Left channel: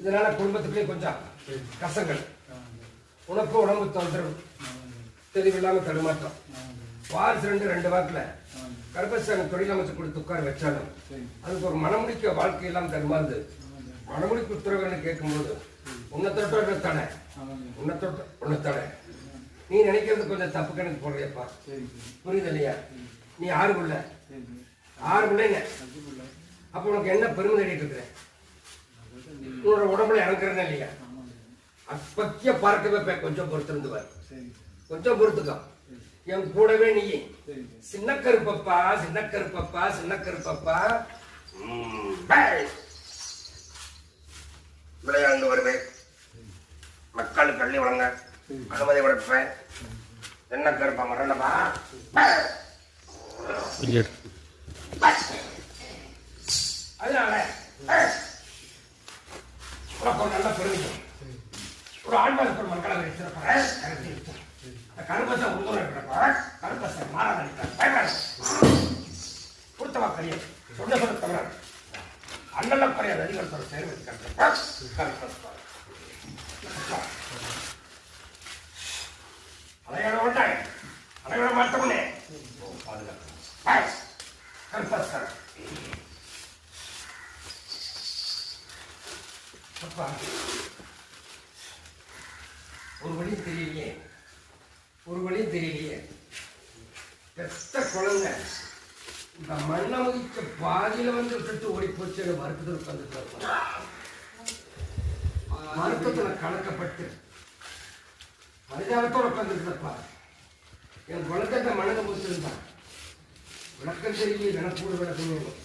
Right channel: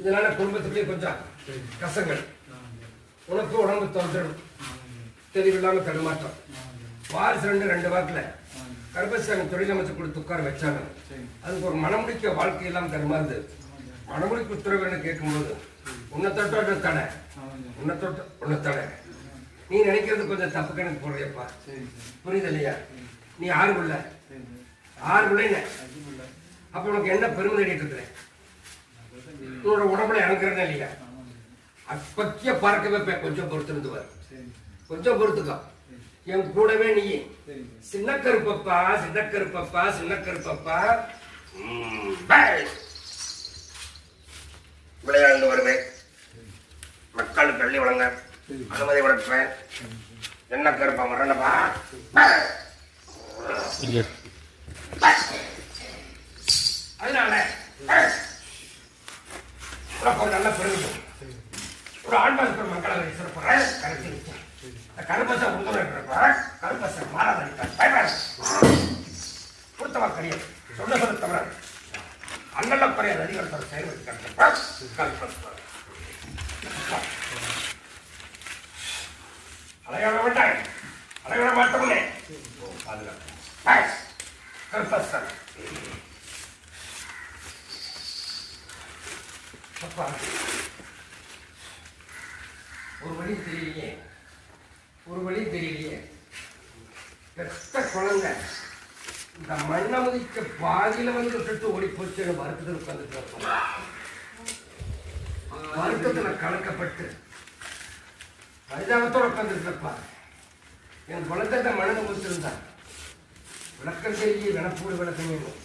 இதனால குடும்பத்துக்குள்ளே கொஞ்சம் கசங்கள், உனக்கு உடம்பு தொந்தரவு, தெளிவில்லாம தடுமாற்றம். வாரிசு ரெண்டு வாரத்துல கர்ப்பசாமி தொழில் அமைச்சு கொடுத்து உட்கார வச்சாலும் அதுக்கு ஒரு மனமுடிக்க வாழ்க்கையெல்லாம் தருமாந்து மனமுடிக்கு உத்தரவுன்னு கேட்கும்போது உன்னை தொட்ட தடை, உன்னை தடை. நீ நினைக்கிறது கொஞ்சம் தப்பு கணக்கு போடுறியப்பா, புரியுது இல்லையா? நீ 6 பிள்ளை, 6 பிள்ளைன்னு அப்ப உனக்கு என்ன பெருமை தேடிட்டு இருக்கிறேன்? உன்னோட உடம்புல இறங்குறேன்னு இல்லையா? அப்பக்கிய பார்க்க வைப்பேன். கொஞ்சம் பொறுத்திருந்துவார், கொஞ்சம் பொறுத்துக்கோ. என் கூடவே நீ சின்ன கருப்பப்பா, சின்ன கருப்பப்பா, சின்ன கருப்பப்பா விளையாண்டு வருவேன். மக்களுக்கு பள்ளி வழங்க அனுமதி கொடுப்பேன். என்ன கருப்பா மரணப்பா அதனால ஒரு நல்ல பெருமை ஒரு ஆண்பால் மக்களை சிறப்பாக கருத்து கருப்பசை உண்மைப்பா கருப்பசை மாறாத கொடுத்தவா கிடையாது. சொன்ன சொல்ல தவிர அண்ணல்ல குறையாது அதிகாரத்தோட செயல்படுத்தி கருப்பா அலையோட மாட்டாங்க, அலையோட மாட்டோம்னே பாதுகாப்பு கருப்பசன். ஒரு வழி தெரியலையே, ஒரு வழி தெரியலையே. பெத்த குழந்தை இந்த மண்ணை முதிக்க பாதியில வந்து விட்டுட்டு ஓடி போச்சு. மருத்துவத்தில் உட்காந்துட்டு மருத்துவத்துல கலக்கப்பட்டு பரிதாபத்தோட உட்காந்துருக்கப்பா. என் குழந்தை மனதை முடிச்சிருந்தான். விளக்கம் தெரியலையே, விளப்போடு விளக்கம் வேணும்.